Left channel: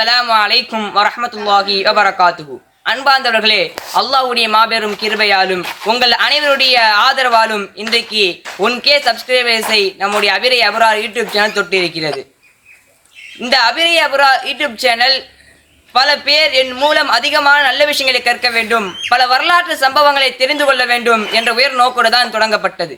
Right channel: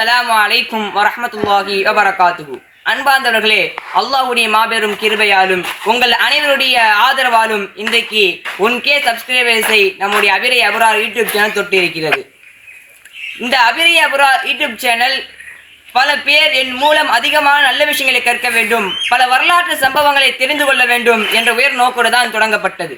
அஸ்ஸலாமு அலைக்கும் வரஹ்மத்துல்லாஹி வபரகாத்துஹு. அன்பார்ந்தவர்களே, அல்லாஹ்வுடைய மாபெரும் கிருபையாலும் உங்கள் அனைவருடைய ஆதரவாலும் இன்றைக்கு 1K சப்ஸ்கிரைபர்ஸை நம்முடைய அபிரை அபரார் யூடியூப் சேனல் தொட்டு இருக்கிறது. இந்த அபிரை அபரார் யூடியூப் சேனல் பல பேர் என் மூலம் அதிகமான நல்ல விஷயங்களை கற்க வேண்டும், பல வரலாற்று சம்பவங்களை தெரிந்து கொள்ள வேண்டும் என்ற உயர் நோக்கோடு தான் தொடங்கப்பட்டது.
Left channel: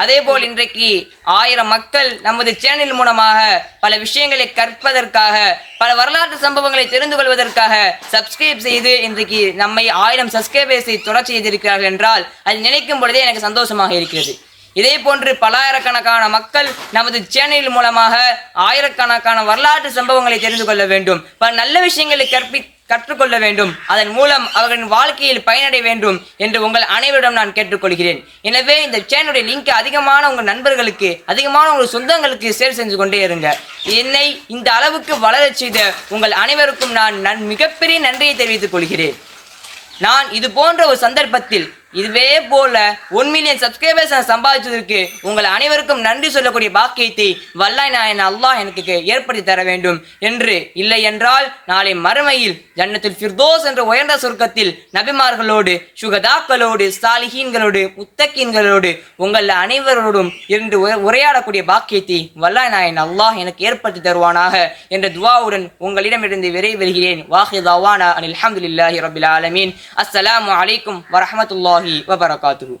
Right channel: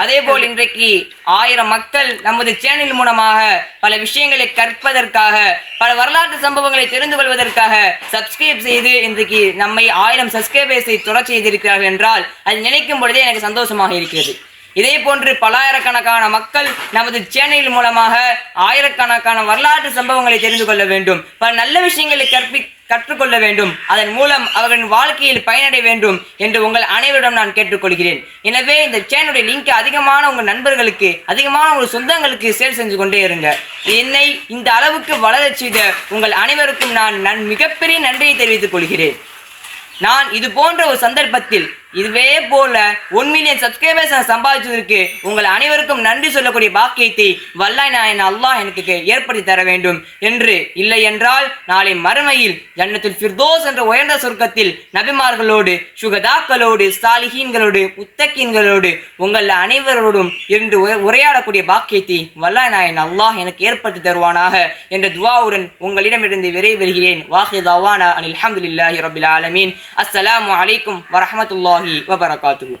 அதேபோல் இன்றைக்கு 1000 மக்கள் நமது சேனல் மூலமாக பல விஷயங்களை கற்பதற்காக, பல வரலாற்று சம்பவங்களை தெரிந்து கொள்வதற்காக சப்ஸ்கிரைப் செய்து இன்றைக்கு நம்மை 1000 சப்ஸ்கிரைபர்ஸை தொடர செய்திருக்கிறார்கள் என்றால் அது நினைக்கும் பொழுதே எனக்கு சந்தோஷமாக இருக்கிறது. இதே போன்று பலாயிரக்கணக்கான மக்கள் நமது சேனல் மூலமாக ஆயிரக்கணக்கான வரலாற்று சம்பவங்களை தெரிந்து கொள்ள வேண்டும், பல நல்ல விஷயங்களை கற்றுக்கொள்ள வேண்டும், அதன் மூலம் அவர்களின் வாழ்க்கையில் பயனடைய வேண்டும் என்று உங்கள் அனைவரிடம் நான் கேட்டுக்கொள்கிறேன். எனவே இந்த சேனலுடைய லிங்க் அதிகமான உங்கள் நண்பர்களுக்கு, அதிகமான உங்கள் சொந்தங்களுக்கு ஷேர் செஞ்சு கொண்டே இருங்க. என்னை இந்த அளவுக்கு வளரச் செய்த உங்கள் அனைவருக்கும் நான் மிகப்பெரிய நன்றியை தெரிவித்துக் கொள்கிறேன். நான் இது போன்ற ஒரு சந்தர்ப்பத்தில் இதுவே போல 1 மில்லியன் சப்ஸ்கிரைபர்ஸ் நான் சம்பாதிச்சதற்கு உங்கள் அனைவருக்கும் நன்றி சொல்லக்கூடிய பாக்கியத்தை வல்லாஹ் அல்லாஹ் எனக்கு ஏற்படுத்தி தர வேண்டும் என்று, இல்லை என்றால் நாளை மறுமையில் ஜன்னத்துல் ஃபிர்தௌஸ் என்ற உயர்ந்த சொர்க்கத்தில் நபிமார்களோடு, சுகதாக்களோடு, சாலிஹீன்களோடு, முத்தகீன்களோடு உங்கள் அனைவரோடும் இருந்து உரையாடக்கூடிய பாக்கியத்தை வல்லாஹ் அல்லாஹ் எனக்கு ஏற்படுத்தி தருவானாக என்ற துஆவுடன் உங்களிடமிருந்து விரைவருகிறேன். வாஹிர் தவானா அல்ஹம்துலில்லாஹி ரப்பில் ஆலமீன். அஸ்ஸலாமு அலைக்கும் வரஹ்மத்துல்லாஹி வபரகாத்துஹு.